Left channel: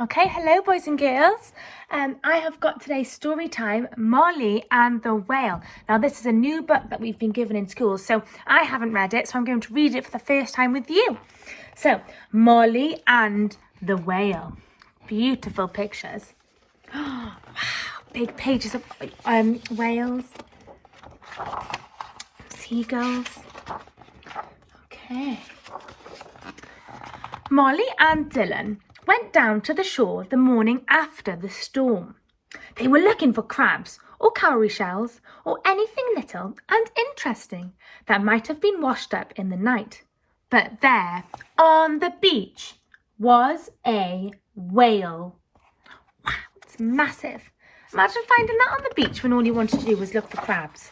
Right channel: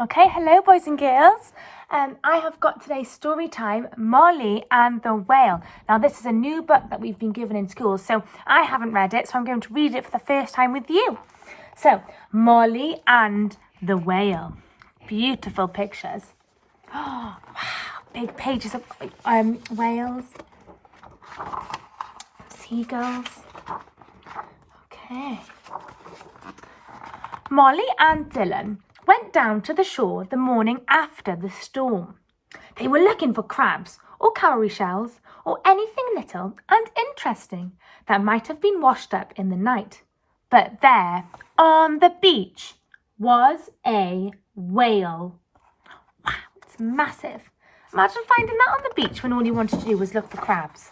Okay, hello boys and girls. I have got today's story time, Molly and the Whale. Now this is a new book that we've been given in school, so I haven't read it, so I'm going to read it for the first time with you. So, Molly and the Whale. Beautiful pictures. Oh, wow, big pages of whales, seagulls. Okay. Molly and Dylan went down to the shore the morning after the storm. They were looking for crabs or cowrie shells or anything little and interesting that might have been washed up in the night. But there, on the beach, was a whale. Wow, it's massive. Imagine finding that on the beach when all you wanted to do was look for crabs.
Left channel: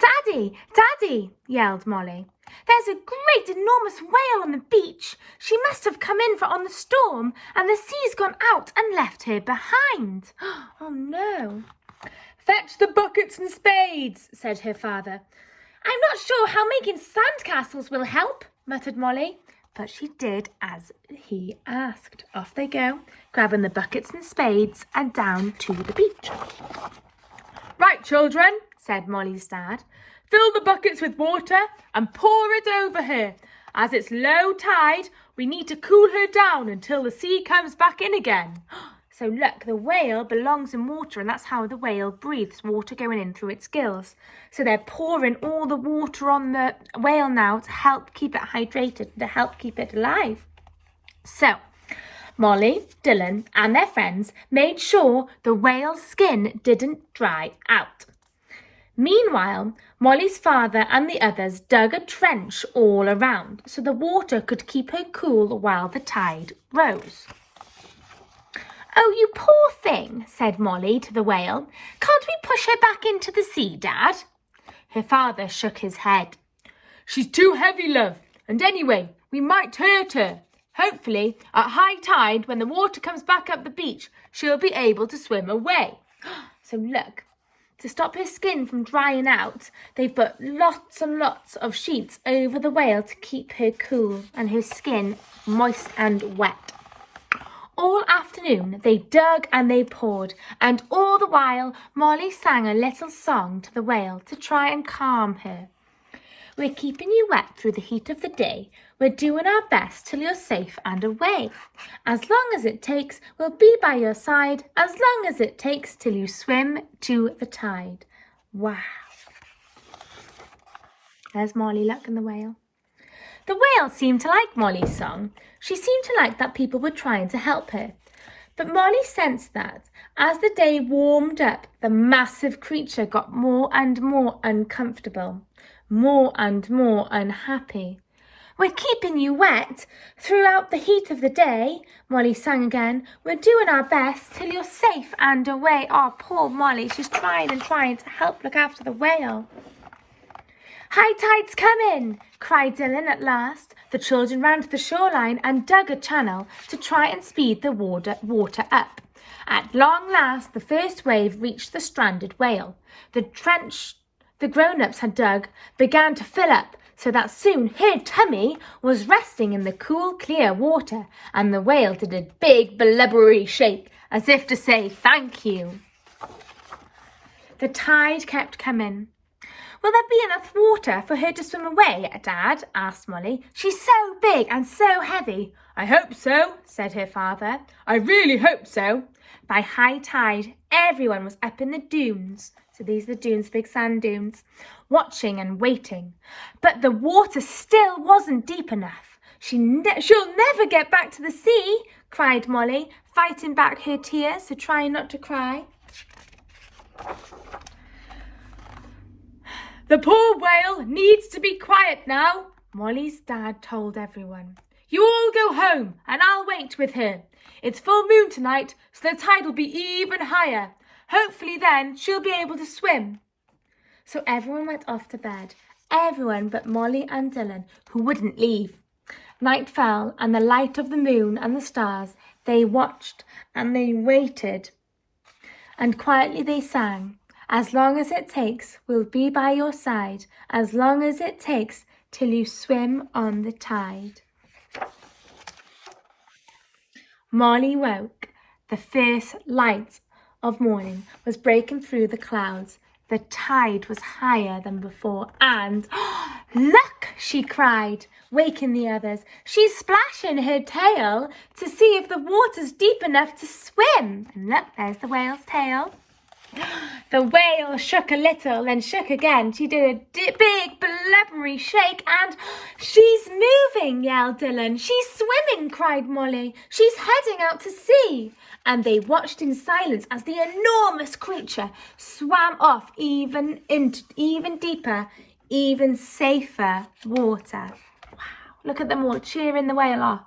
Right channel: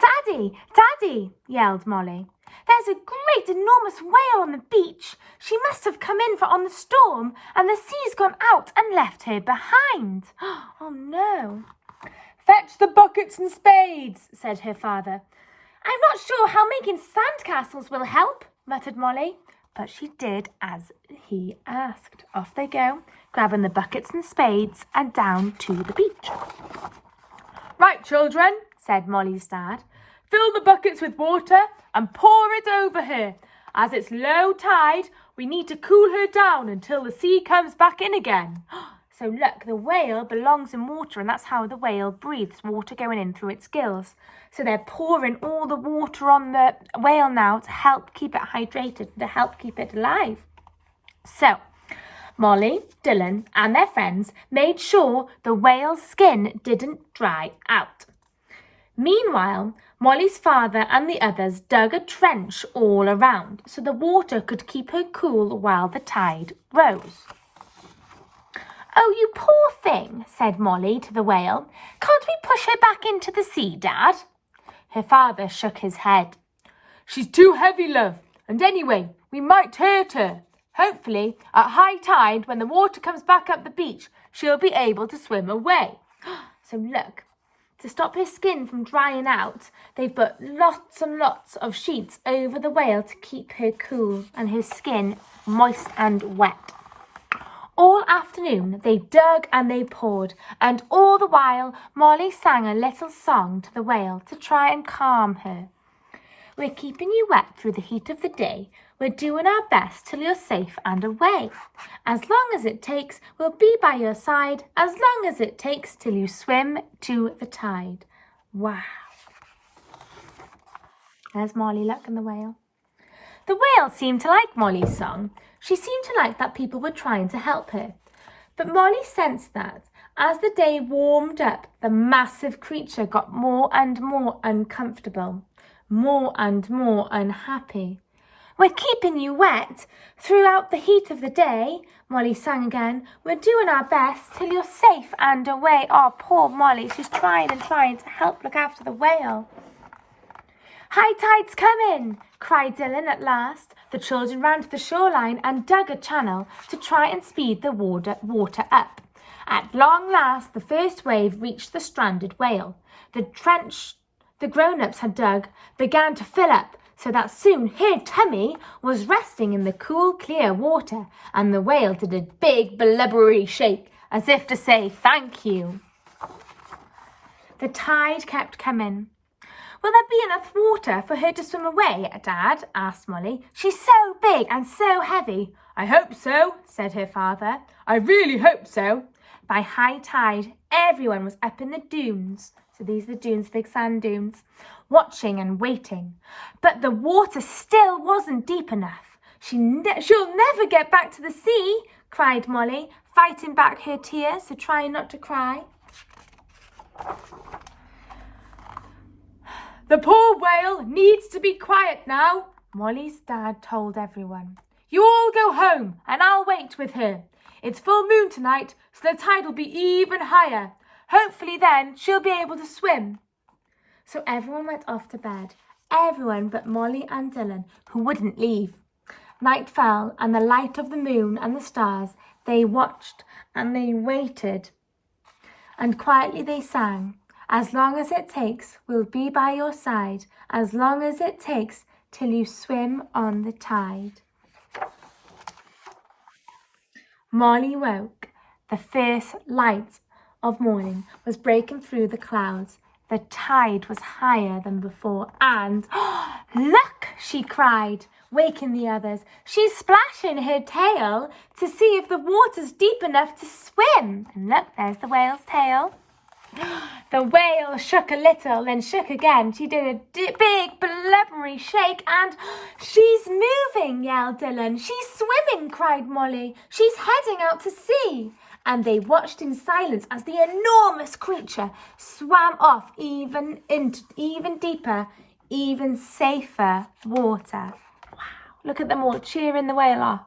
Daddy, Daddy, yelled Molly. There's a great enormous whale on the beach. She must have come in on the storm and the sea's gone out and left her behind. Oh no. Fetch the buckets and spades, said her father. I'm not sure how making sandcastles will help, muttered Molly. But she did as he asked. Off they go, grabbing the buckets and spades and down to the beach. Right, children, said Molly's dad. Fill the buckets with water and pour it over her. As it's low tide, we need to cool her down until the sea comes back in again. So look, the whale belongs in water, and that's how the whale breathes, water going in through its gills. So they're pouring all the water on the whale now to help keep it hydrated, to help keep it alive. So Molly, Dylan and their friends made sure the whale's skin didn't dry out. Meanwhile, Molly's father and the others dug a trench all around so the water could keep her cool while the tide rose. Oh, you poor thing, said Molly to the whale. Can't we push her back into the sea, Dad? Her father shook his head. She's too heavy, love, and anyway, we might hurt her. Hopefully, at high tide, when the water comes back up the beach, she'll be able to swim away. So look, to stop her skin from drying out, they've put lots and lots of sheets over the whale to keep her cool and her skin moist and wet. All afternoon they dug and they poured, and all the while Molly sang a little song to the whale to try and calm her. We're keeping you wet through the heat of the day. We're doing our best till you're safe and away. As long as it takes, we'll be by your side. As long as it takes till you swim to the tide. Wow. There's Molly Luck and the whale. The whale seemed to like Molly's song. She seemed to like that people were trying to help her. But Molly sensed that as the day warmed up, the massive creature got more and more uncomfortable, more and more unhappy. We're keeping you wet throughout the heat of the day, Molly sang again. We're doing our best till you're safe and away. Oh, poor Molly, she's trying to help look after the whale. High tide's coming, cried Dylan at last. The children ran to the shoreline and dug a channel to try and speed the water up. At long last, the first wave reached the stranded whale. The trench the grown-ups had dug began to fill up, so that soon her tummy was resting in the cool, clear water, and the whale did a big, blubbery shake, as if to say thank you. The tide kept coming. Will there be enough water for her to swim away, Dad? Asked Molly. She's so big and so heavy. I hope so, said her father. I really hope so. By high tide, everyone was up in the dunes. So these are the dunes, big sand dunes, watching and waiting. But the water still wasn't deep enough. She'll never get back to the sea, cried Molly, fighting back her tears, so trying not to cry. The poor whale needs to be quiet now, Molly's dad told everyone. You all go home and I'll wait with her. It's full moon tonight, so the tide will be even higher. Hopefully then she'll be able to swim. So everyone went off to bed, everyone but Molly and Dylan, who wouldn't leave. Night fell, and the light of the moon and the stars, they watched and they waited. And quietly they sang, as long as it takes, we'll be by your side, as long as it takes, till you swim on the tide. Molly woke. The fierce light of morning was breaking through the clouds. The tide was higher than before and, "Look!" she cried, waking the others. "She's splashing her tail to see if the water's deep enough to swim." And look, there's the whale's tail. The whale shook a little, then shook again. She did a big blubbery shake and, "She's moving!" yelled Dylan. "She's swimming!" cried Molly. "She's heading out to sea!" And they watched in silence as the enormous creature swam off even deeper, even safer water. Wow. Look at them all cheering the whale off.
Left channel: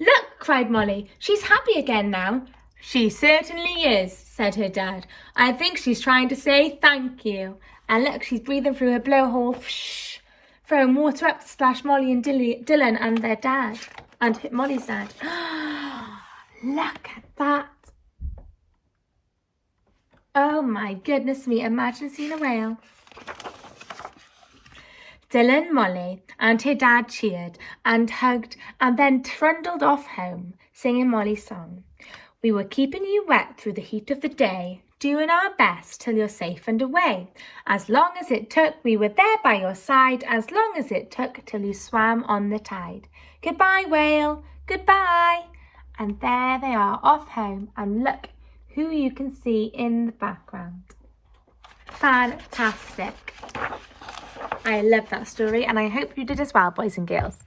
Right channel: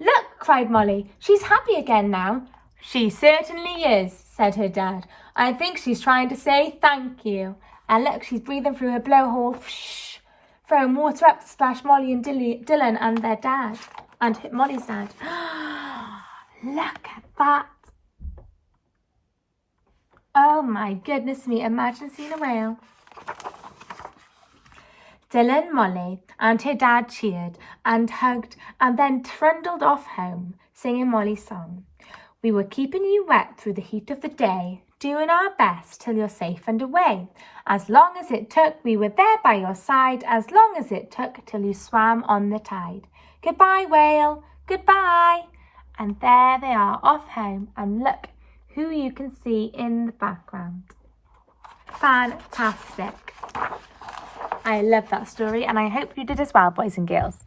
"Look!" cried Molly. "She's happy again now." "She certainly is," said her dad. "I think she's trying to say thank you." And look, she's breathing through her blowhole, throwing water up to splash Molly and Dylan and their dad, and Molly's dad. Look at that. Oh my goodness me, imagine seeing a whale. Dylan, Molly and her dad cheered and hugged and then trundled off home, singing Molly's song. "We were keeping you wet through the heat of the day, doing our best till you're safe and away. As long as it took, we were there by your side, as long as it took till you swam on the tide. Goodbye, whale, goodbye." And there they are off home, and look who you can see in the background. Fantastic. I love that story, and I hope you did as well, boys and girls.